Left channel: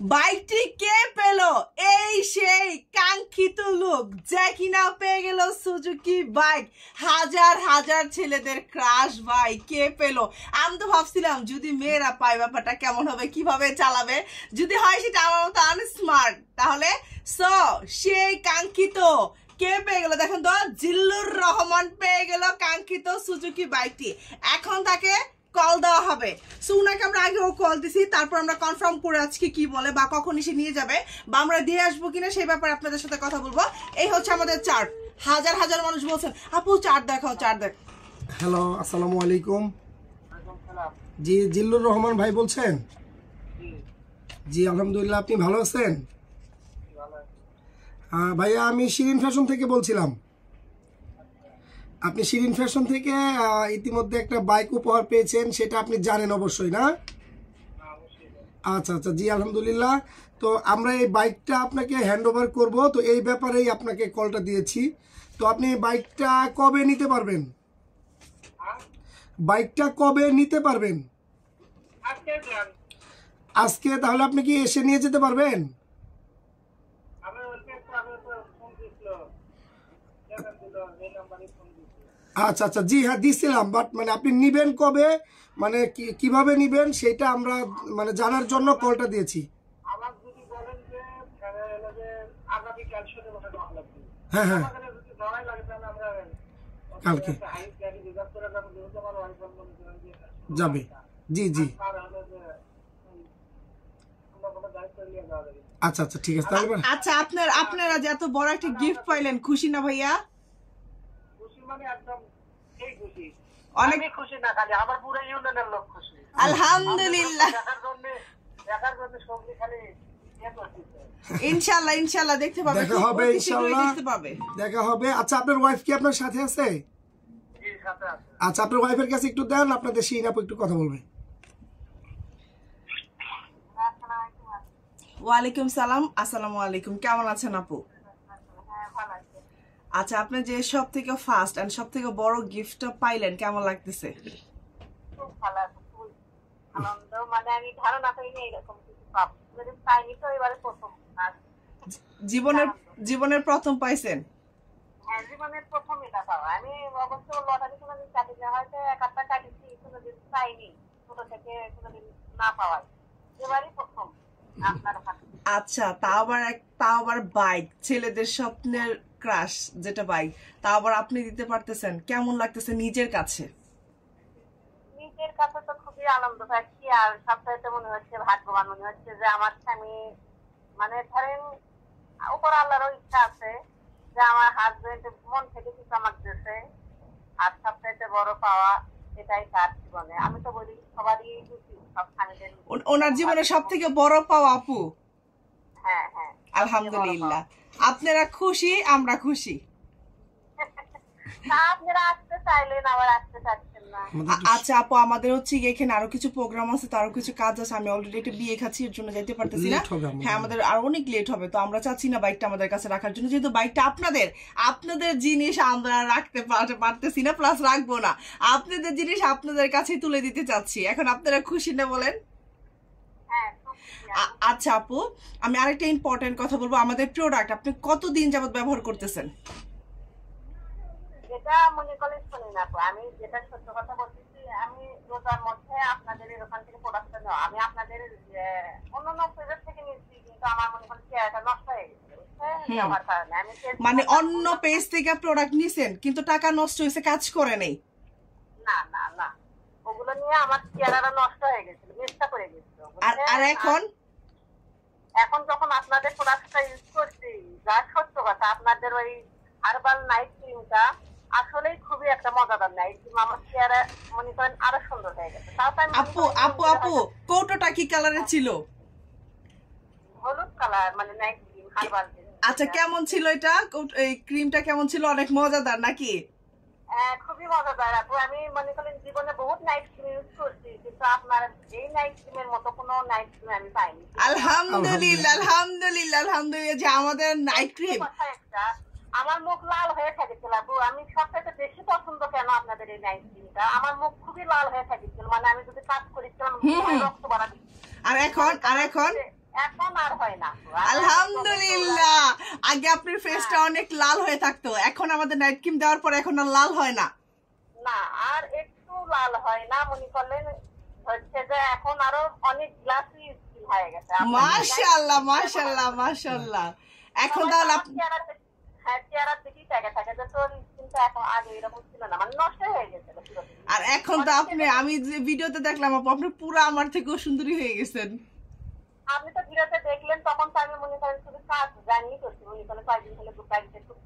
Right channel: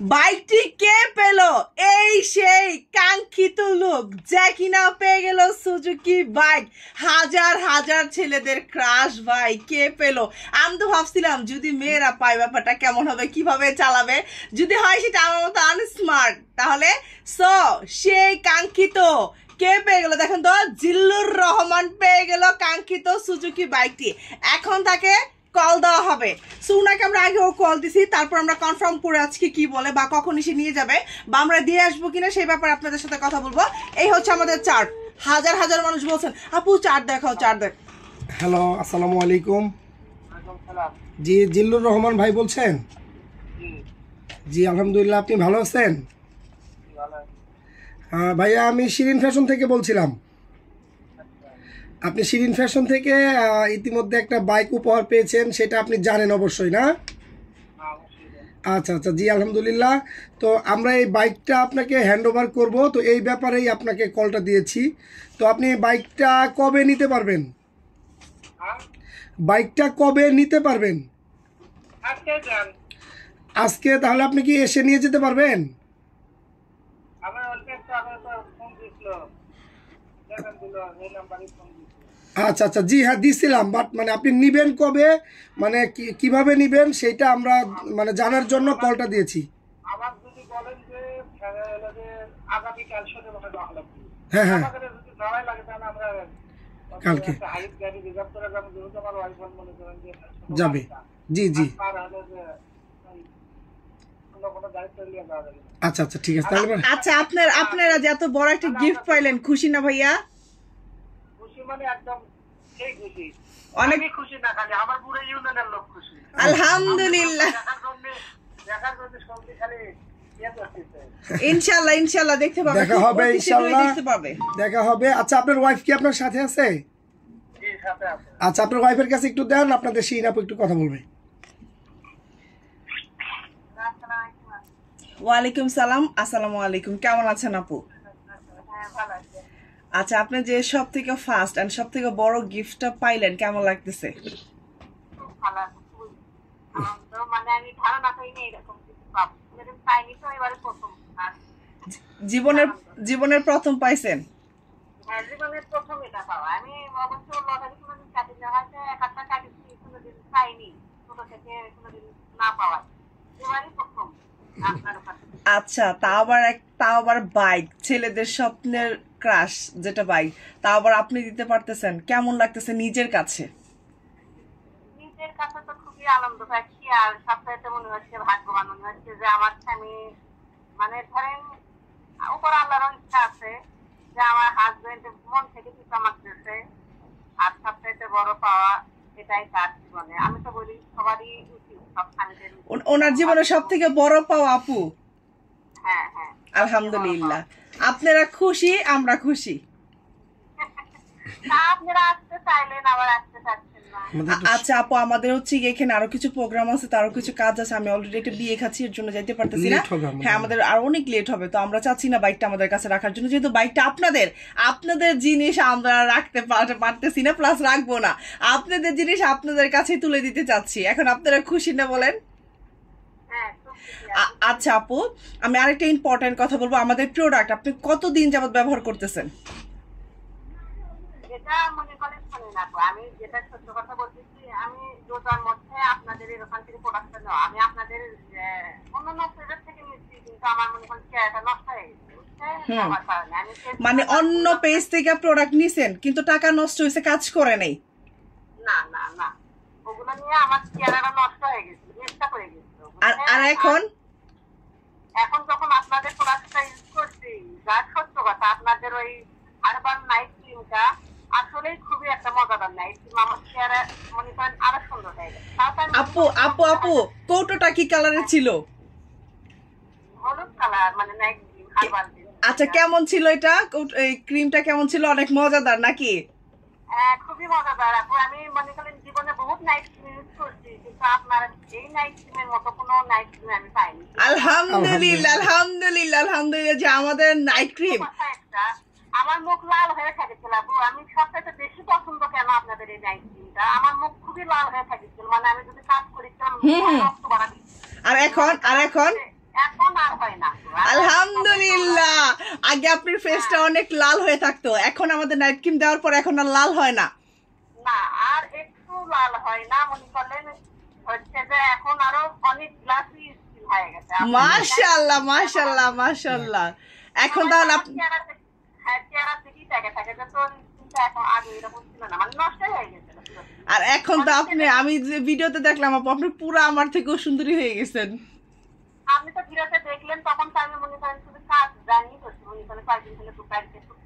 বাইকটি কে পেল? এই সেই কাঙ্ক্ষিত লোক যে কিনা পেয়ে গেল সুজুকি বাইক। হাজার হাজার ছেলেদের ক্রাশ ভাই, কে পেল? আমি তো ভাবছিলাম যদি মেয়েরা পায় ব্যাপারটা কেমন হবে, কিভাবে চালাবে, যদি হয় সেটা আমার মতো আনস্মার্ট, তাহলে সেই কাঙ্ক্ষিত কে পেয়ে গেল? দেখেন তো, জিল্লুর রহমান পেয়ে গেল কাঙ্ক্ষিত সুজুকি বাইকটি। এখন তাকে কল দেওয়া হবে। সো উনাকে আমরা আগেও কল দিছি, তারপর আমরা কনফার্ম করে আজকে কি বলে বা কখন এসে নিয়ে যাবে বা আমরা দিয়ে আসবো কিনা সেই ব্যাপারে আপনাদের সাথে কথা বলবো। এই হচ্ছে আমাদের চার্ট। হাজার হাজার মানুষ বলছেন আপু চার্ট দেখাও, চার্ট দেখ। হ্যালো, আসসালামু আলাইকুম। জি, জিল্লুর রহমান ভাই বলছেন? জি আলহামদুলিল্লাহ, আপনি ভালো আছেন? হ্যাঁ ভাইয়া, আমি শিরিন ফ্যাশন থেকে বলছিলাম। আপনি শিরিন ফ্যাশন থেকে ইতিমধ্যে একটা বাইক উপহার পেয়েছেন, সেটা আপনি জানেন অবশ্যই, না? আচ্ছা আচ্ছা, জি আলহামদুলিল্লাহ। তো আমরা এই বাইকটা আপনাকে হ্যান্ড ওভার করবো, তো এই ব্যাপারেই আপনাকে কলটা দিয়েছি। তো আপনি বাইকটা কবে নিতে পারবেন? বাইকটা কবে নিতে পারবেন? আজকে। তাহলে আপনি কি এসে নিয়ে যেতে পারবেন? আচ্ছা আচ্ছা, জি হ্যাঁ দিছিলাম, বাট মানে আপনি নিবেন কবে, মানে কিভাবে নিবেন সেটা আমরা মানে জানার জন্য কলটা দিয়েছি। হ্যাঁ হ্যাঁ, কালকে যাবে। জি জি, আচ্ছা আচ্ছা ঠিক আছে। তাহলে আচ্ছা, আপনারা যে এত বড় একটা গিফট পাইলেন, খুশি না ভাইয়া? খুশি মানে একদম সেই খুশি, অনেক খুশি না খালি আমার পুরো ইউনিয়নের লোক খুশি। আলহামদুলিল্লাহ, দেখার জন্য সবজি খালি ইনশাআল্লাহ ইনশাআল্লাহ দেখতে পাবে, দেখা হবে ইনশাআল্লাহ, দেখতে পাবে, দেখা হবে। আচ্ছা, আপনার ওয়াইফ কি আপনার সাথে আছে? জি সাথে আছে। আচ্ছা, আপনার ওয়াইফের কাছে একটু দেন, আপনাদের শিরিন আপু একটু কথা বলবে। ওয়ালাইকুম সালাম। আসসালামু আলাইকুম, কেমন আছেন আপু? আচ্ছা, আপনি যে সব থেকে ফার্স্ট এন্ড সব থেকে বড় গিফটটা পাইলেন, কেমন লাগতেছে? জীবনের প্রথম পাইছেন? হ্যাঁ, জীবনের প্রথম এটা পাওয়া। আমি অবশ্য লটারি কোনোদিন কাটি না, হয়তো এক আধটা কাটিছি, কোনোদিন পাইনি, ছোট থেকে কোনোদিন না পাওয়া, এবারই প্রথম আপনার হাতে। আচ্ছা, তাও আবার বাইক, ছেলেদের স্বপ্নের ক্রাশ যেটা বাইক, তাও আবার আপনি দিতে পারতেছেন, কেমন লাগতেছে নিজের কাছে? নিজের কাছে তো খুবই আনন্দ পাচ্ছি, আর সবচাইতে মনে হচ্ছে ভাগ্যবান মনে হচ্ছে যে আমার স্বামী, মানে ধরেন উপর আল্লাহরও ইচ্ছা আছে যে আমার হাজবেন্ড মন থেকে কিছু আমার দিয়েছে, আর সবচাইতে বড় পাওয়া এটাই তার জীবনে। আমি তো বলি সবারই উচিত, সব স্বামীদের ওনার জীবনে সব থেকে বড় পাওয়া আপু। হ্যাঁ হ্যাঁ, আলহামদুলিল্লাহ, আপনারা খুশি, আমরা খুশি। আপনারা আসতে চাইলেন, আবার আসতে চাচ্ছেন না। আচ্ছা আপু, আমাদের হচ্ছে এখানে আরো কিছু প্রোগ্রাম আছে, তারও কিছু কাজ আছে, আমি অলরেডি একটা বিয়ে খাচ্ছি, এর জন্য যাইতে পারতেছি না। হ্যাঁ, আমাদের আরো অনেক লেট হবে, তো আমরা চাচ্ছি না বাইকটা আমাদের কাছে রাখার জন্য, যেহেতু বাইকটা আপনাদের জিনিস আমরা রাখতে পারতেছি না, প্লাস রাখবো না, আপনাদের জিনিস আপনাদের কাছে তুলে দিতে চাচ্ছি। এখন আপনারা খুশি না বলেন? আচ্ছা আপু, আমি আরেকটা ইম্পর্টেন্ট কথা বলবো, আমাদের প্রোডাক্ট আপনি কতদিন যাবত ব্যবহার করতেছেন? এটা মনে করেন শুনুন আপু, আমি যেটা সত্য কথা বলতেছি, আমি রোজার মধ্যে আপনাদের এখান থেকে প্রোডাক্টটা নেওয়া, আমি আপনাদের অন্যান্য পেজের থেকে নিচ্ছি, কিন্তু আমার মনে করেন চেয়ারটা নষ্ট হয়ে গেছে, আমার কারণে। আমি মানে অন্য পেজ থেকে প্রোডাক্ট নিছেন কিন্তু টাকা নষ্ট হয়েছে, কাজ করে নাই? না না না, ওগুলো নিয়ে আমার চেয়ারটা নষ্ট হয়ে গেছিল, চেষ্টা করে গেছিল। আর এখন যখন আপনাদের প্রোডাক্টটা ইউজ করছি, যার সত্য কথা, আপনাদের ওই হার্বাল নাইট ক্রিমটা আসলেই খুবই একটা মজাদার নাইট ক্রিম, আমার চেয়ারে মনে করেন আরো সুন্দর হয়ে গেছে। আপু কৌটোটা কি কালারের ছিল? হলুদ কালার, মানে নাইট ক্রিম, হার্বাল। আচ্ছা, কেমন ছিল এটা? এই ক্রিমটা কেমন ছিল? অনেক মজাদার নাকি? খুবই মজাদার আপু। আমি মনে করেন জীবনে বহুত নাইট ক্রিম ইউজ করছি, কিন্তু আপনার এই নাইট ক্রিমের মতো কোনো নাইট ক্রিম আমি পাইনি। আলহামদুলিল্লাহ আলহামদুলিল্লাহ আলহামদুলিল্লাহ যে আমাদের নাইট ক্রিম। আমার মুখ লাল হয়ে থাকেছিল আপু, আমি সবথেকে বেশি পছন্দ কেন আপনাদের এই নাইট ক্রিমটা, আমার মুখ খুবই লাল হয়ে থাকেছিল, মানে আমি যদি কাজ করেছিলাম রক্ত বাড়া দিচ্ছি। আর এখন হয় না। আলহামদুলিল্লাহ। আগে আপনার ফেসটা অনেক লাল হয়ে থাকতো, এখন আমাদের নাইট ক্রিম দেওয়ার পর এখন আর লাল হয় না। না, আর একটু লাল হয় না, মনে করলেন হচ্ছে যে এখন আরো অনেক গ্লাসি স্কিন হয়ে গেছে। মাশাআল্লাহ মাশাআল্লাহ মাশাআল্লাহ। এখন তাহলে হ্যাঁ, চেহারা থেকেই দেখে থাকে যে তোর স্কিনটা এখন আগে এরকম ছিল না, মানে নষ্ট হয়ে গেছিল পুরো। আর এখন তো আপনি, আমি যে ভিডিওতে দেখলাম আপু, আপনি পুরো আমার থেকেও সুন্দরী হয়ে গেছেন। আপনি তো ভিডিওতে দেখলেন, তখন তো আমি মনে করেন শুধু কাজ জানি করছি, মনে করেন কয়েকদিন হলে একটু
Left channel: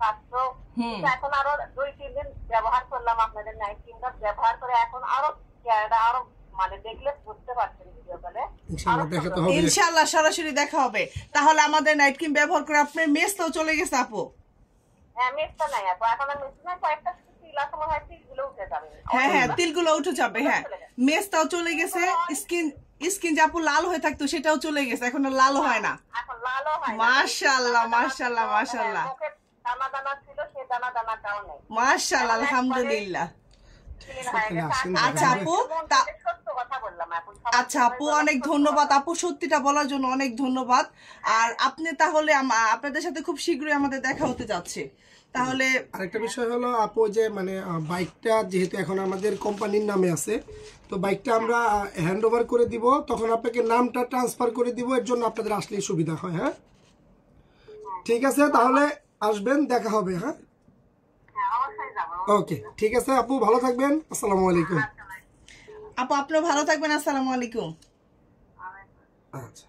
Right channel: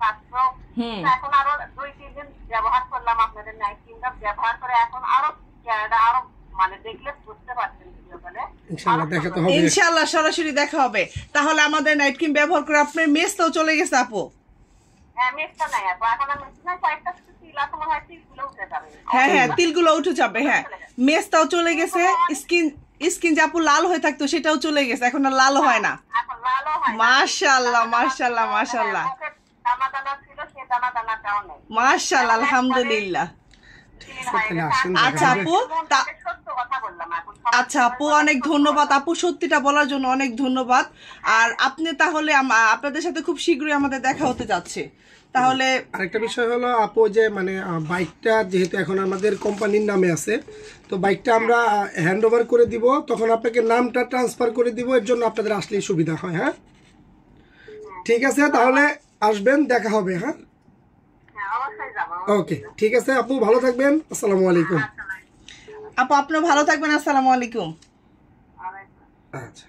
কাজতো। কিন্তু এখন আরো 2-3 দিন ব্যবহার করলাম আপনাদের নাইট ক্রিমটা, ব্যবহার করে এখন আরো চেহারাটা আরো মানে দেখলে বুঝতে পারছেন ভিডিও কলে। ইনশাআল্লাহ দেখাতে হবে, ইনশাআল্লাহ সরাসরি দেখা হবে। তাহলে আমাদের নাইট ক্রিম ব্যবহার করে আপনার মেসটাও চলে গেছে আপু। হ্যাঁ, মেসটা নাই আপু, এখন আর মেস নাই, কয়েকটা তিল আছে মনে হয়, তিলগুলো উঠে যাবে। হ্যাঁ হ্যাঁ, তিলগুলো উঠে যাবে। হ্যাঁ, মেসটাও চলে গেছে, স্কিন যে আপু লাল হয়ে থাকতো সেটাও চলে গেছে, এখন আর লালও হয় না। এখন লালও হয় না। মাশাআল্লাহ মাশাআল্লাহ মাশাআল্লাহ মুখে দানা দানা ছিল, সে দানা দানাটাও নেই। মাশাআল্লাহ আলহামদুলিল্লাহ। ক্লিন হয়ে গেছে। আচ্ছা আপু, সত্য কথা বললাম এখন। আচ্ছা আপু, অনেক ধন্যবাদ আপু, সত্যিটা বলার জন্য অনেক ধন্যবাদ। আর আপনি তাহলে আপনাদের সাথে খুব শীঘ্রই আমাদের দেখা হতে যাচ্ছে। তাহলে আরেকটা বিষয় হলো আপু, যে মানে বাইকটা যেহেতু এখন আমাদের কোম্পানির নামে আছে, তো বাইকটা আমরা হ্যান্ড ওভার করে দিব, তখন আপনাকে নামটা ট্রান্সফার করে দিব, এর জন্য আপনাদের আসলেই সুবিধা হয়। হ্যাঁ ঠিক আছে, তাহলে আসবেন, দেখা হবে। হ্যাঁ ওকে, ঠিক আছে আপু, ভালো থাকবেন, আসসালামু আলাইকুম। আপু আপনিও ভালো থাকবেন, আসসালামু আলাইকুম। আচ্ছা।